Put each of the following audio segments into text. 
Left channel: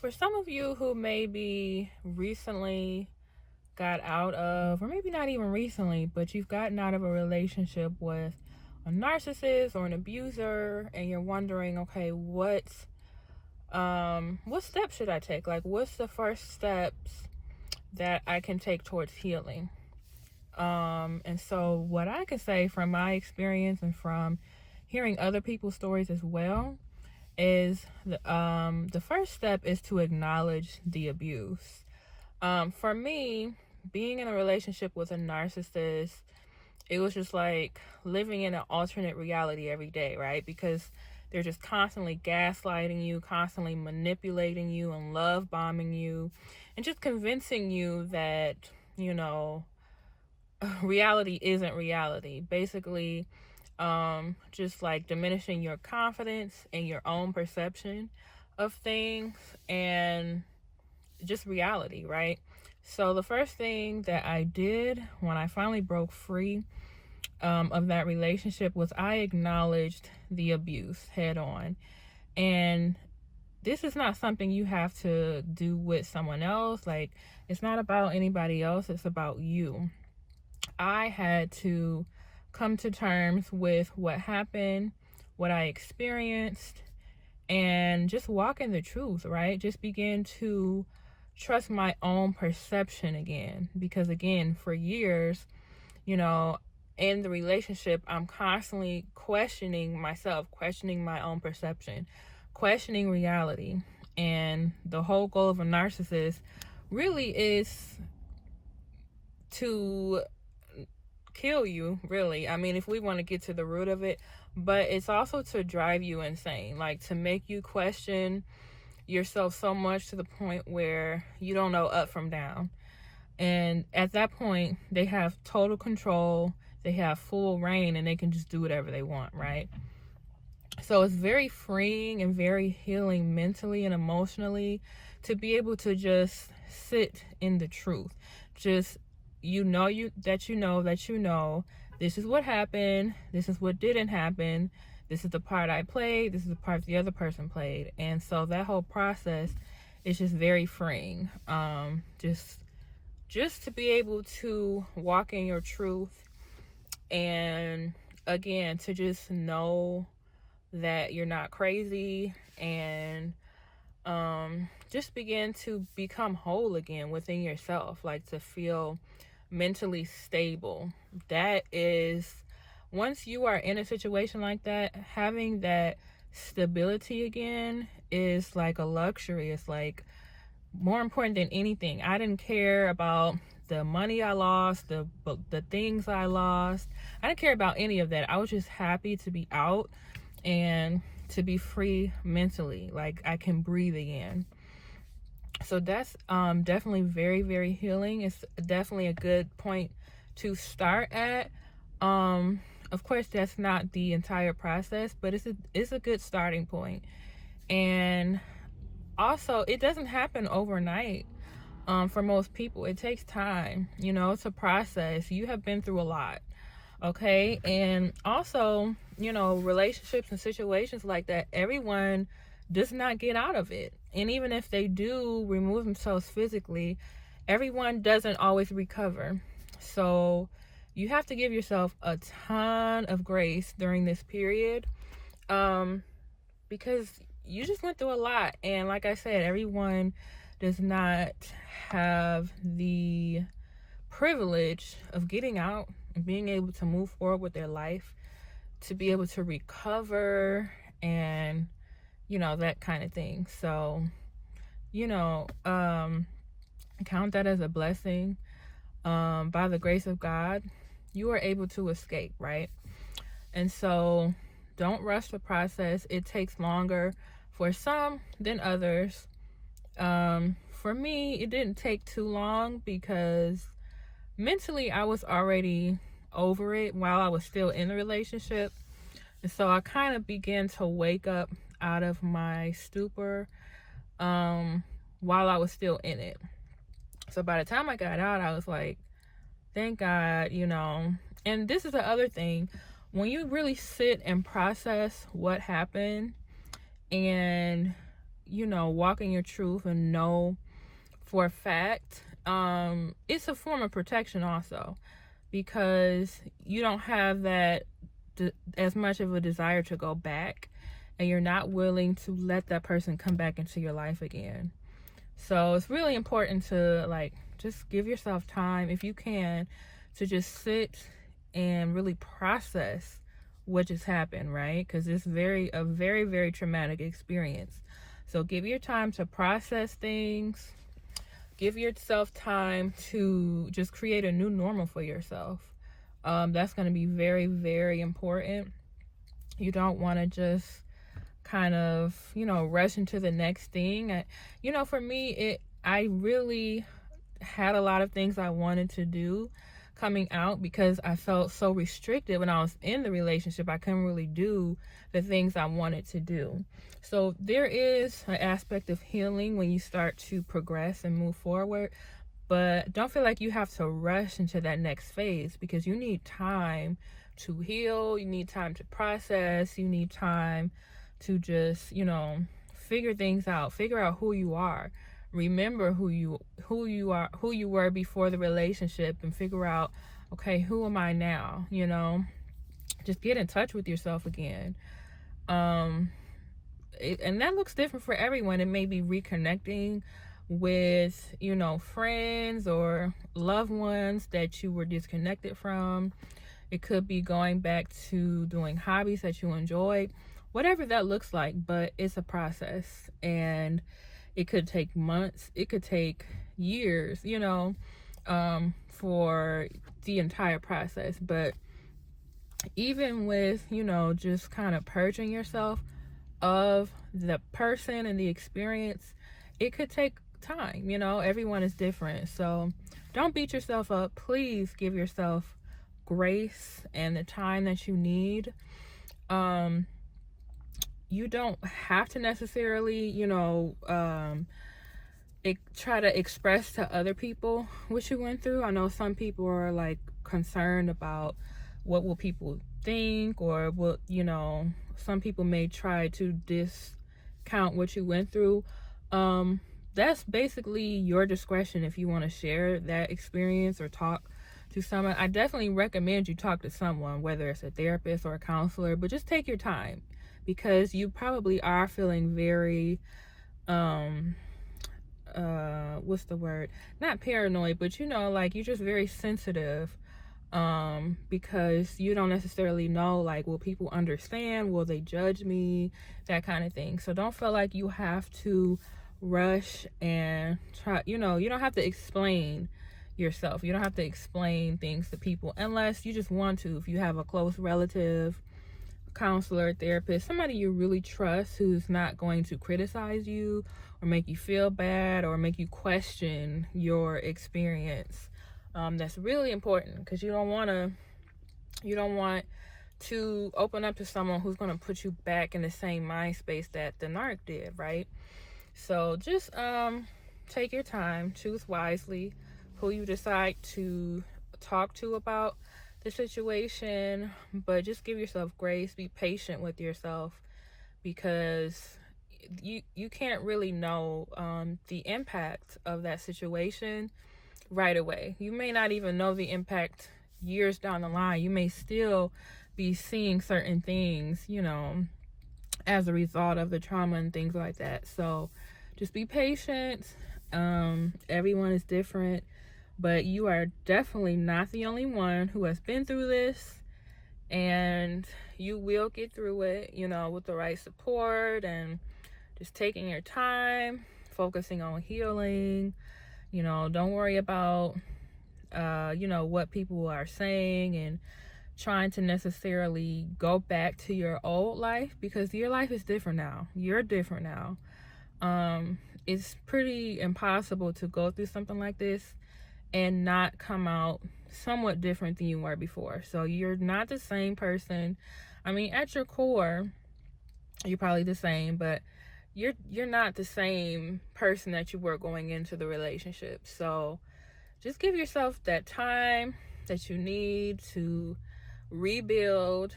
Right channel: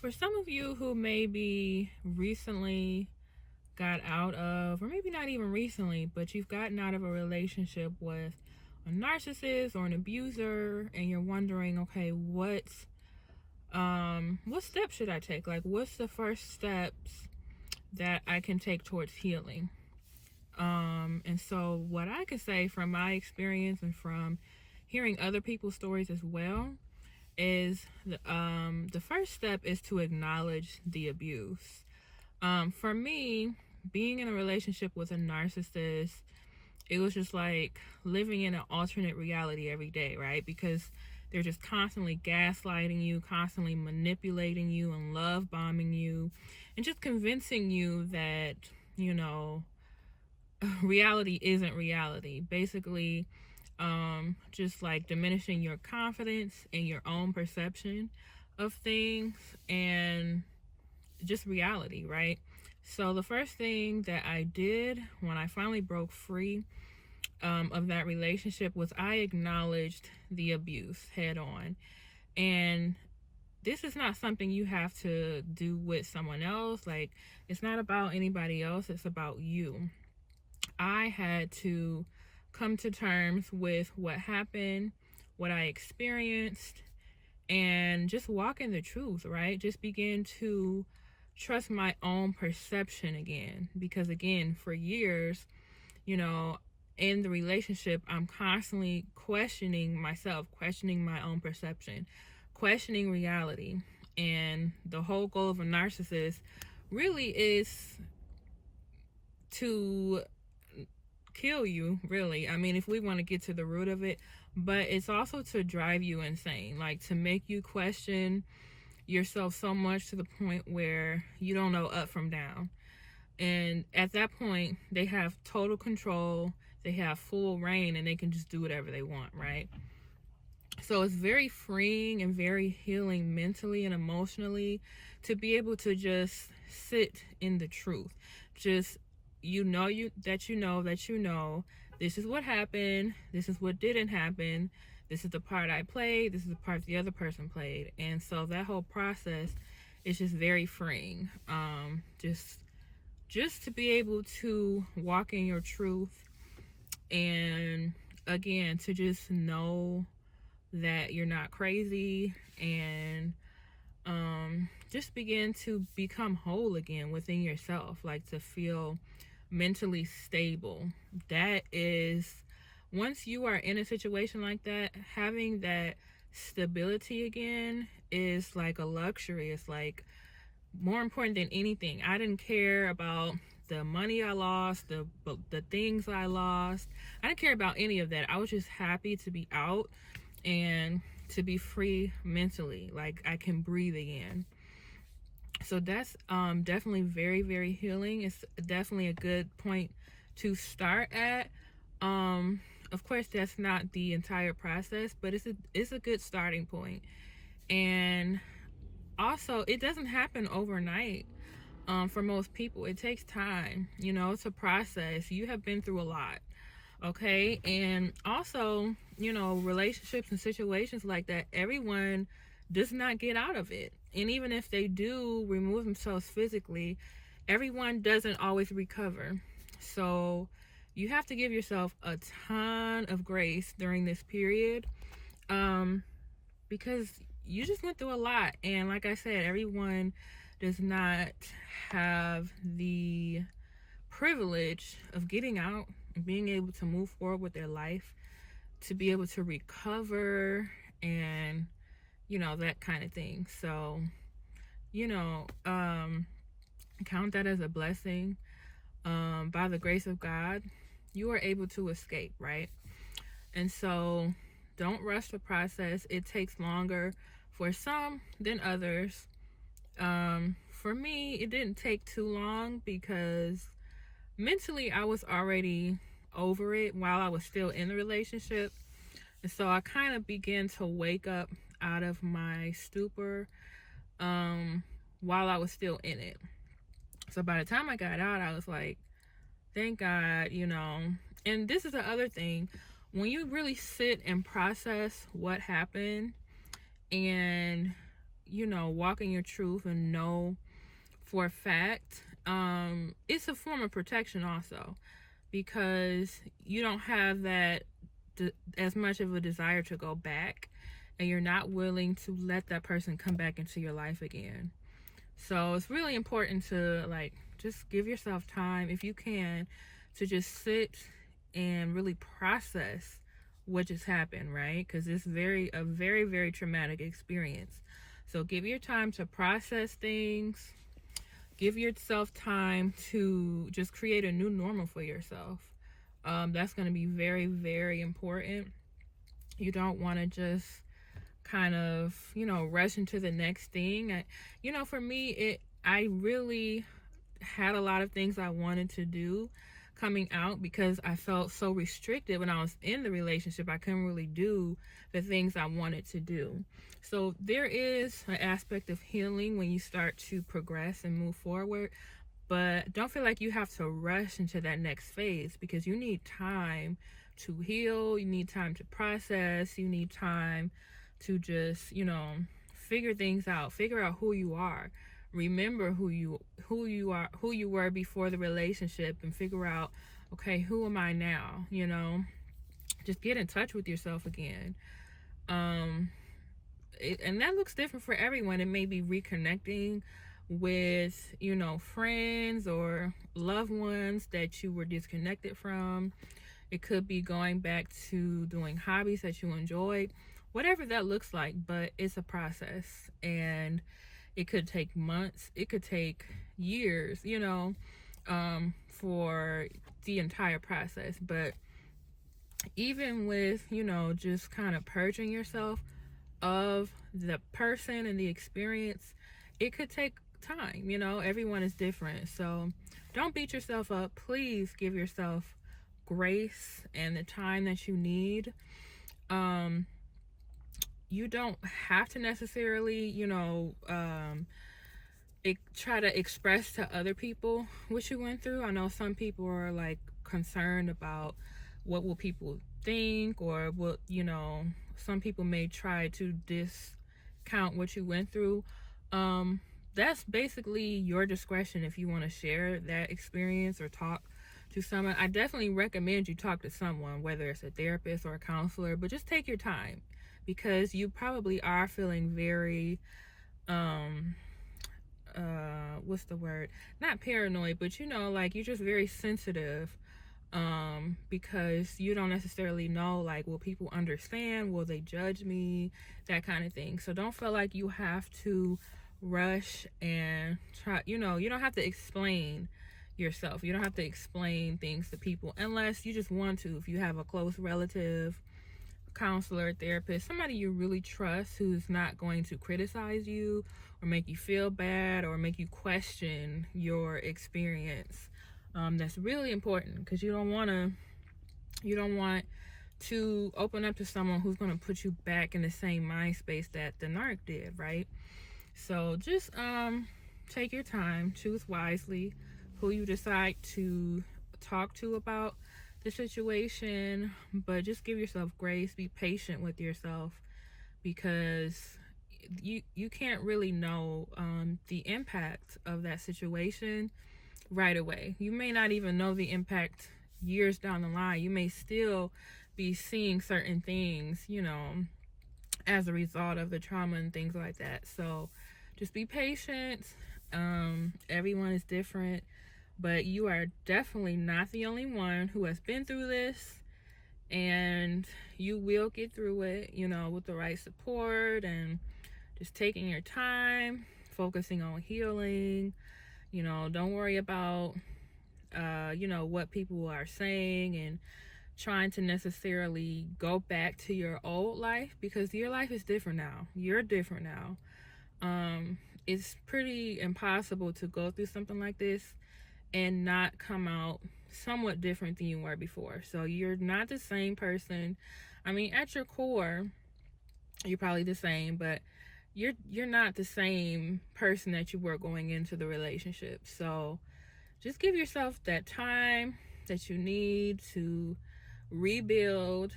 For some of you who maybe recently got out of, or maybe not even recently, but you've gotten out of a relationship with a narcissist or an abuser, and you're wondering, okay, what steps should I take? Like, what's the first steps that I can take towards healing? And so what I can say from my experience and from hearing other people's stories as well is the first step is to acknowledge the abuse. For me, being in a relationship with a narcissist, it was just like living in an alternate reality every day, right? Because they're just constantly gaslighting you, constantly manipulating you, and love bombing you, and just convincing you that, you know, reality isn't reality. Basically, just like diminishing your confidence in your own perception of things and just reality, right? So the first thing that I did when I finally broke free of that relationship was I acknowledged the abuse head on. And this is not something you have to do with someone else. Like, it's not about anybody else, it's about you. I had to come to terms with what happened, what I experienced, and just walk in the truth, right? Just begin to trust my own perception again. Because, again, for years, you know, in the relationship, I'm constantly questioning myself, questioning my own perception, questioning reality. And the whole goal of a narcissist really is to kill you, really. I mean, if we want to get to the root of it, but it's also to drive you insane, like to make you question yourself so much to the point where you don't know up from down. And at that point, they have total control, they have full reign, and they can just do whatever they want, right? So it's very freeing and very healing mentally and emotionally to be able to just sit in the truth. Just, you know that this is what happened, this is what didn't happen, this is the part I played, this is the part the other person played. And so that whole process is just very freeing. Just to be able to walk in your truth, and again, to just know that you're not crazy, and just begin to become whole again within yourself, like to feel mentally stable. That is, once you are in a situation like that, having that stability again is like a luxury. It's like more important than anything. I didn't care about the money I lost, the things I lost. I didn't care about any of that. I was just happy to be out and to be free mentally. Like, I can breathe again. So that's definitely very, very healing. It's definitely a good point to start at. Of course, that's not the entire process, but it's a good starting point. And also, it doesn't happen overnight. For most people, it takes time. You know, it's a process. You have been through a lot, okay? And also, you know, relationships and situations like that, everyone does not get out of it. And even if they do remove themselves physically, everyone doesn't always recover. So you have to give yourself a ton of grace during this period, because you just went through a lot. And like I said, everyone does not have the privilege of getting out and being able to move forward with their life, to be able to recover, and you know, that kind of thing. So, you know, count that as a blessing. By the grace of God, you are able to escape, right? And so don't rush the process. It takes longer for some than others. For me, it didn't take too long because mentally I was already over it while I was still in the relationship. And so I kind of began to wake up out of my stupor while I was still in it. So by the time I got out, I was like, thank God, you know. And this is the other thing. When you really sit and process what happened, and, you know, walk in your truth and know for a fact, it's a form of protection also, because you don't have that as much of a desire to go back, and you're not willing to let that person come back into your life again. So it's really important to just give yourself time, if you can, to just sit and really process what just happened, right? Because it's a very, very traumatic experience. So give your time to process things. Give yourself time to just create a new normal for yourself. That's going to be very, very important. You don't want to just kind of, rush into the next thing. For me, I really had a lot of things I wanted to do coming out, because I felt so restricted when I was in the relationship. I couldn't really do the things I wanted to do. So there is an aspect of healing when you start to progress and move forward, but don't feel like you have to rush into that next phase, because you need time to heal, you need time to process, you need time to just, figure things out, figure out who you are, remember who you were before the relationship, and figure out, okay, who am I now? Just get in touch with yourself again. And that looks different for everyone. It may be reconnecting with, friends or loved ones that you were disconnected from. It could be going back to doing hobbies that you enjoyed, whatever that looks like, but it's a process, and it could take months, it could take years, for the entire process. But even with, just kind of purging yourself of the person and the experience, it could take time. Everyone is different. So don't beat yourself up. Please give yourself grace and the time that you need. You don't have to necessarily, try to express to other people what you went through. I know some people are concerned about what will people think, or what, some people may try to discount what you went through. That's basically your discretion if you want to share that experience or talk to someone. I definitely recommend you talk to someone, whether it's a therapist or a counselor, but just take your time, because you probably are feeling very, what's the word? Not paranoid, but you're just very sensitive, because you don't necessarily know, will people understand? Will they judge me? That kind of thing. So don't feel like you have to rush and try, you don't have to explain yourself. You don't have to explain things to people unless you just want to. If you have a close relative, counselor, therapist, somebody you really trust, who's not going to criticize you or make you feel bad or make you question your experience. That's really important, because you don't want to open up to someone who's going to put you back in the same mind space that the narc did, right? So just take your time, choose wisely who you decide to talk to about the situation, but just give yourself grace, be patient with yourself, because you can't really know the impact of that situation right away. You may not even know the impact years down the line. You may still be seeing certain things, as a result of the trauma and things like that. So just be patient. Everyone is different, but you are definitely not the only one who has been through this, and you will get through it, with the right support and just taking your time, focusing on healing. Don't worry about, what people are saying and trying to necessarily go back to your old life, because your life is different now. You're different now. It's pretty impossible to go through something like this and not come out somewhat different than you were before. So you're not the same person. I mean, at your core, you're probably the same, but you're not the same person that you were going into the relationship. So just give yourself that time that you need to rebuild,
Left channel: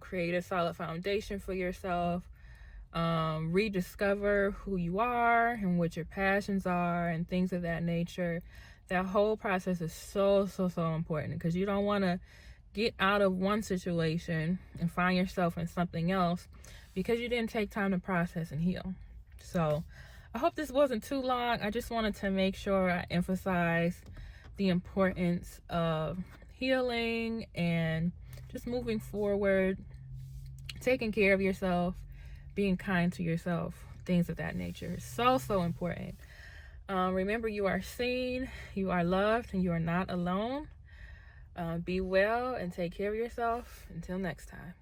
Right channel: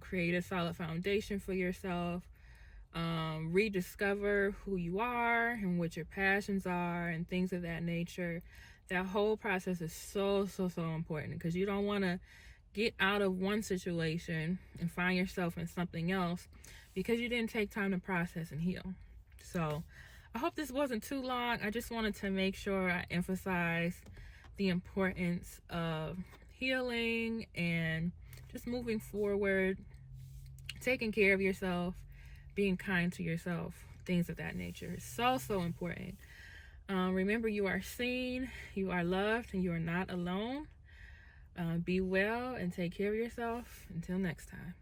create a solid foundation for yourself. rediscover who you are and what your passions are and things of that nature. That whole process is so important, because you don't want to get out of one situation and find yourself in something else because you didn't take time to process and heal. So I hope this wasn't too long. I just wanted to make sure I emphasize the importance of healing and just moving forward, taking care of yourself, being kind to yourself, things of that nature. So important. Remember, you are seen, you are loved, and you are not alone. Be well and take care of yourself. Until next time.